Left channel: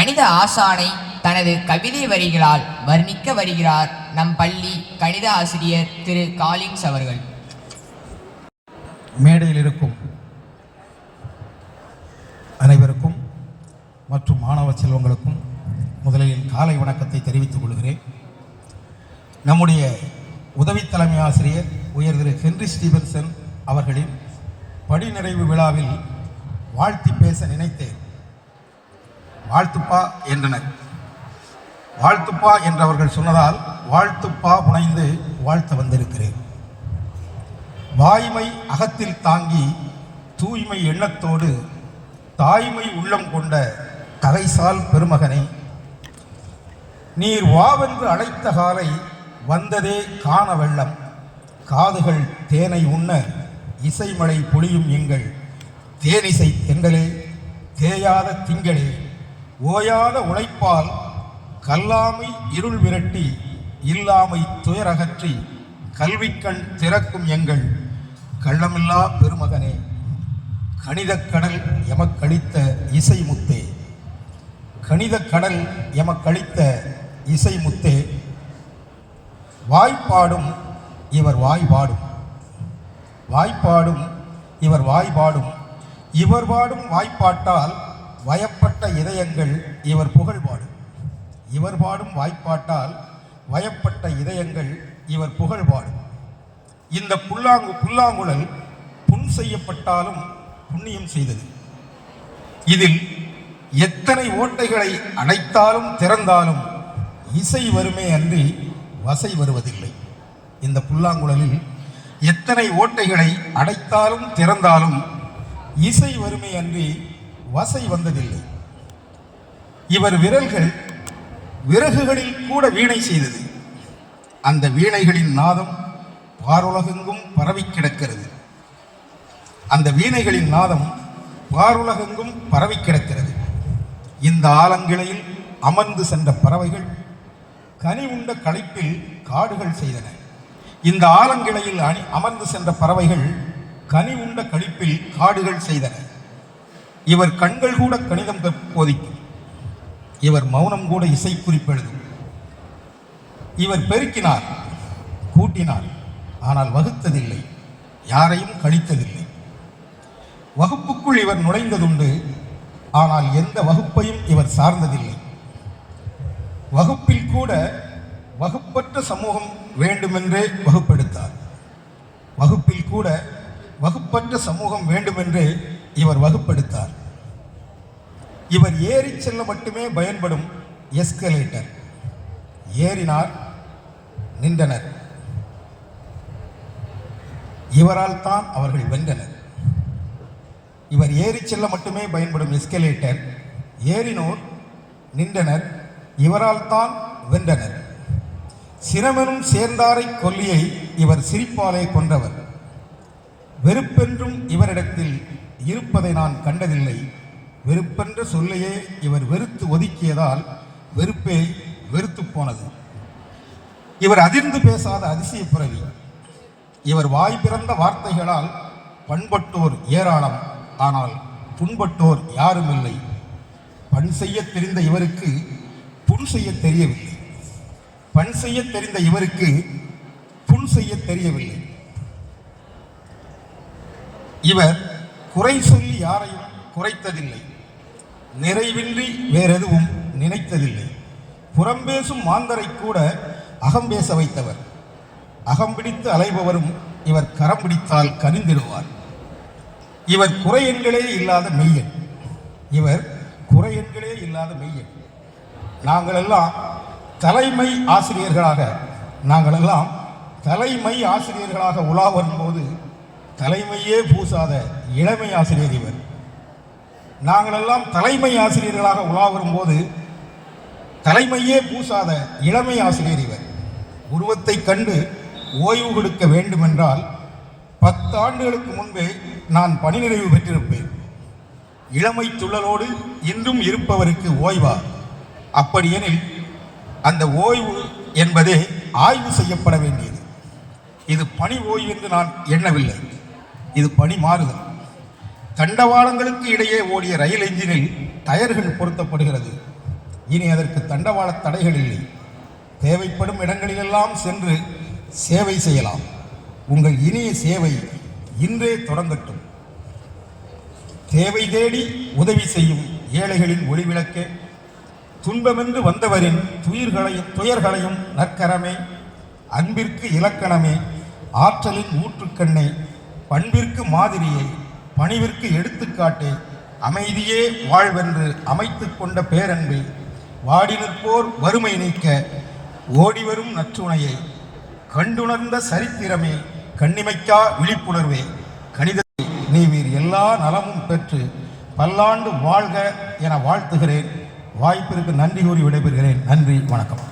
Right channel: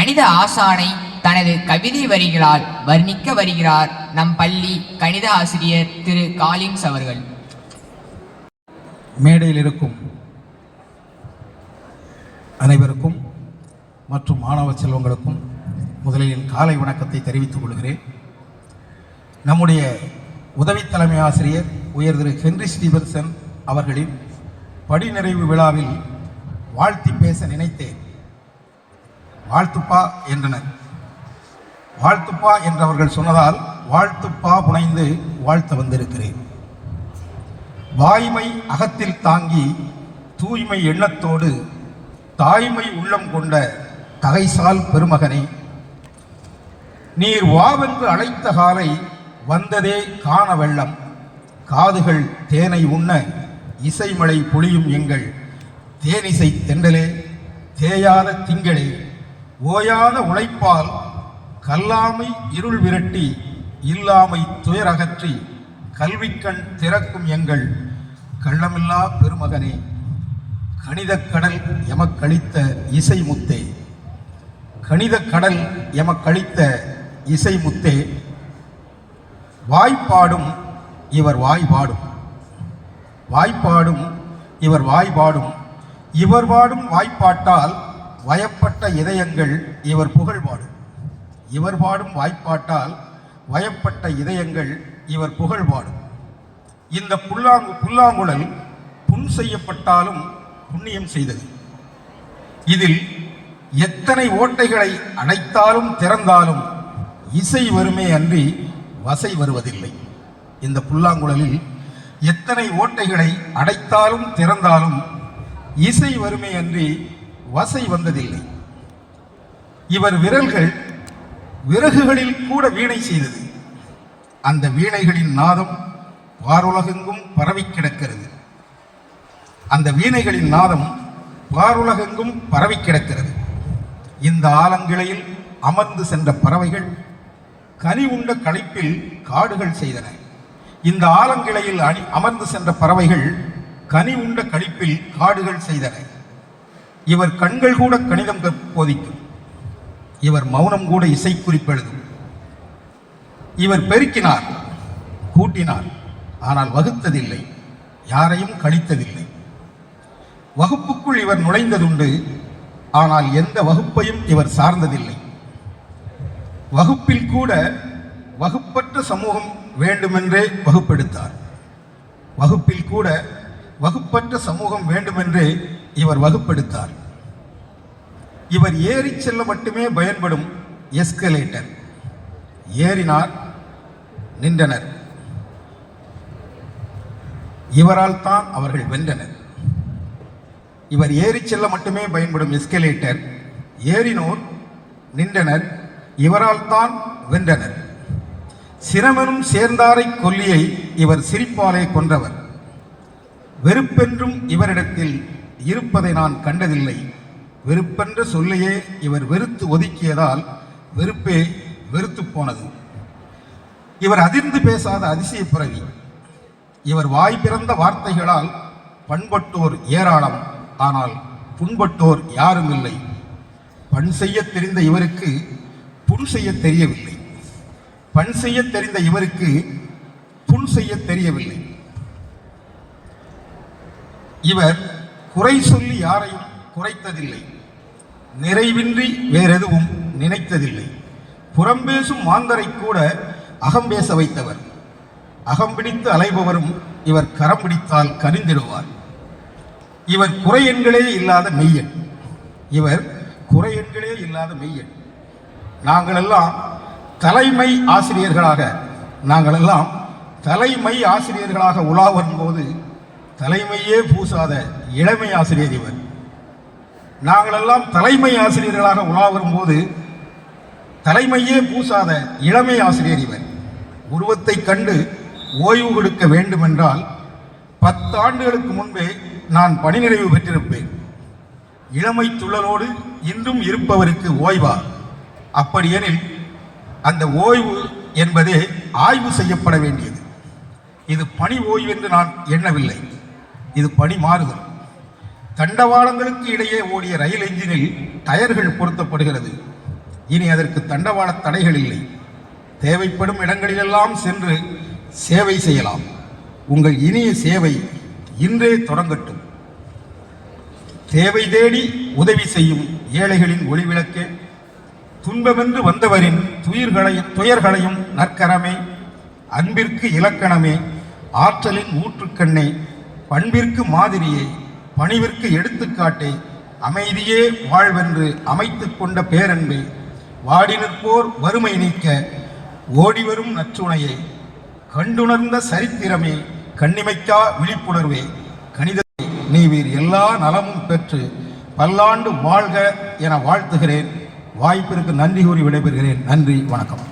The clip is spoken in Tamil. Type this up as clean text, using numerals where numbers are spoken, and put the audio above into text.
கணித ஆசானை தனது கவிதை வரிகளால் வர்ணிக்க வருகிறார் நம் பள்ளி கணித ஆசிரியர் திரு காலின்ஸ் அவர்கள். மேடையில் இருக்கும் அனைவருக்கும் மற்றும் மாணவ செல்வங்களுக்கும் முதலில் காலை வணக்கத்தை தெரிவித்துக் கொள்கிறேன். நம்முடைய உதவி தலைமை ஆசிரியர் உயர் திரு ஹென்றி ஸ்டீவன்சன் அவர்களின் படிநிறைவு விழாவில் வாழ்த்தி பேச நினைத்தேன். வாழ்த்துப்பா என்றனர். வாழ்த்துப்பா என்றவர்கள் சொன்னதால் வாழ்த்துப்பா புனைந்து வாழ்த்த வந்திருக்கிறேன். வாய்மை அகத்தில் தாங்கி தூய்மை எண்ணத்தோடு தாய்மை உள்ளம் கொண்ட தகைசால் பெருமகனே, நீர் வாவென்று அழைத்த காலை வந்ததே காண வெள்ளம், காதுகள் தேனை உண்ண இசைமழை பொழியும் எங்கள் தேனிசை தெண்டலே, தேயாத திங்களே, ஓயாத உழைப்பால் கல்லாமை இருள் விரட்டி இல்லாமை துயரகற்றி கல்விக்கண் திறக்கும் எங்கள் கள்ளமில்லா பெருமகனே, கணிதக் கடல் எமக்களித்த இசை முத்தே, கணிதக் கடல் எமக்களித்த இசை முத்தே, வாய்ப்பாடும் இவர் வாய்பாடும், வாய்ப்பாடும் இவர் வாய்பாடும், இவர் பாடும் வாய்ப்பாட்டால் வயப்பட்ட இதயங்கள் இவர் புகழ் பாடும், இவர் பாடும் வாய்ப்பாட்டால் வயப்பட்ட இதயங்கள் இவர் புகழ் பாடும். இந்த புல்லாங்குழல் புண் செய்யப்பட்டாலும் புண்ணியம் செய்தது. இதில் எத்தனை ஓட்டைகளை அடைத்தாலும் திறந்தாலும் இசை வருமே அன்றி வசை வருவதில்லை. இந்த புல்லாங்குழலில் எத்தனை ஓட்டைகளை அடைத்தாலும் திறந்தாலும் இசை வருமே அன்றி வசை வந்ததில்லை. இவர் விரல்கள் விறகுகளில் கூட வீணை செய்தது. அந்த வீணைகளின் நாதம் வாருலகெங்கும் பரவி கிடக்கிறது. அந்த வீணைகளின் நாதம் வாருலகெங்கும் பரவி கிடக்கிறது. இந்த ஆலங்கிளையில் அமர்ந்து சென்ற பறவைகள் கனி உண்ட களைப்பில் காடுகள் செய்தன. இந்த ஆலங்கிளையில் அமர்ந்து சென்ற பறவைகள் கனி உண்ட கழிப்பில் காடுகள் செய்தன. இவர் கண்கள் கூட கணிதம் போதிக்கும். இவர் மௌனம் கூட இசை குறிப்பெழுதும். இவர் பெருக்கினார், கூட்டினார், ஆனால் வகுத்ததில்லை, யாரையும் கழித்ததில்லை. வகுப்புக்குள் இவர் நுழைந்ததுண்டு, ஆனால் எந்த வகுப்பையும் இவர் சார்ந்ததில்லை. வகுப்பில் கூட வகுப்பற்ற சமூகம் வேண்டுமென்றே வகுப்பெடுத்தார். வகுப்பில் கூட வகுப்பற்ற சமூகம் வேண்டுமென்றே இவர் வகுப்பெடுத்தார். இவர் ஏறி செல்ல மட்டுமே பயன்படும் எஸ்கலேட்டர். ஏறினார், நின்றனர். இவரால் தான் அவர்கள் வென்றனர். இவர் ஏறி செல்ல மட்டுமே பயன்படும் எஸ்கலேட்டர். ஏறினோர், நின்றனர். இவரால் தான் வென்றனர். சிரமனும் சேர்ந்தாரை கொல்லியை இவர் சிரிப்பாலே கொன்றவர். வெறுப்பென்றும் இவரிடத்தில் இருப்பதை நான் கண்டதில்லை. வெறுப்பென்ற சொல்லையே இவர் வெறுத்து ஒதுக்கியதால் வெறுப்பே வெறுத்து போனது. இவர் அதிர்ந்து பேசாத அதிசய பிறவி. இவர் வாய் பிறந்த வார்த்தைகளால் பண்பட்டோர் ஏராளம், ஆனால் புண்பட்டோர் யாரும் இல்லை. பண் செய்ய தெரிந்த இவருக்கு புண் செய்ய தெரியவில்லை. பண் செய்ய தெரிந்த இவருக்கு புண் செய்ய தெரியவில்லை. இவர் குறை சொல்லி யாரையும் குறைத்ததில்லை. நிறைவின்றி வேறெதுவும் நினைத்ததில்லை. புறம்பேசும் மாந்தரை கூட அகம்பேச வைத்தவர். அகம்பிடித்து அலைபவரும் இவர் கரம் பிடித்தால் கனிந்திடுவார். இவர் குறையெண்களே இல்லாத மெய்யன். இவர் குறையெண்களே இல்லாத மெய்யன். நாங்களெல்லாம் தலைமை ஆசிரியர்களாக உலா வரும்போது தலைமையே பூசாத இளமை ஆசிரியர் இவர். நாங்களெல்லாம் தலைமை ஆசிரியர்களாக உலா வரும்போது தலைமையே பூசாத இளமை ஆசிரியர் இவர். உருவத்தை கண்டு ஓய்வு கொடுக்க வேண்டுமென்றால் 10 ஆண்டுகளுக்கு முன்பே நான் பணி நிறைவு பெற்றிருப்பேன். இளமை துள்ளலோடு இன்றும் இருப்பவருக்கு ஓய்வா? அப்படியெனில் அந்த ஓய்வு என்பதே ஆய்வு செய்யப்பட வேண்டியது. இது பணி ஓய்வு என்று நான் எண்ணவில்லை. இது பணி மாறுதல். தண்டவாளங்களுக்கு இடையே ஓடிய ரயில் என்ஜினில் டயர்கள் பொருத்தப்படுகிறது. இனி அதற்கு தண்டவாள தடைகள் இல்லை. தேவைப்படும் இடங்களிலெல்லாம் சென்று சேவை செய்யலாம். உங்கள் இனிய சேவை இன்றே தொடங்கட்டும். தேவை தேடி உதவி செய்யும் ஏழைகளின் ஒளிவிளக்கே, துன்பமென்று வந்தவரின் துயர்களையும் நற்கரமே, அன்பிற்கு இலக்கணமே, ஆற்றலின் ஊற்றுக்கண்ணே, பண்பிற்கு மாதிரியே, பணிவிற்கு எடுத்துக்காட்டே, அமைதியே வாழ்வென்று அமைத்துக் கொண்ட பேரன்பே, வாடி நிற்போர் வறுமை நீக்க ஓடிவரும் நற்றுணையை, கண்டுணர்ந்த சரித்திரமே, கண்ணிமைக்கா விழிப்புணர்வே, கணிதத்தை நீவீர் எல்லா நலமும் பெற்று பல்லாண்டு வாழ்க என வாழ்த்துகிறேன். வாய்ப்பிற்கு நன்றி கூறி விடைபெறுகிறேன். நன்றி, வணக்கம்.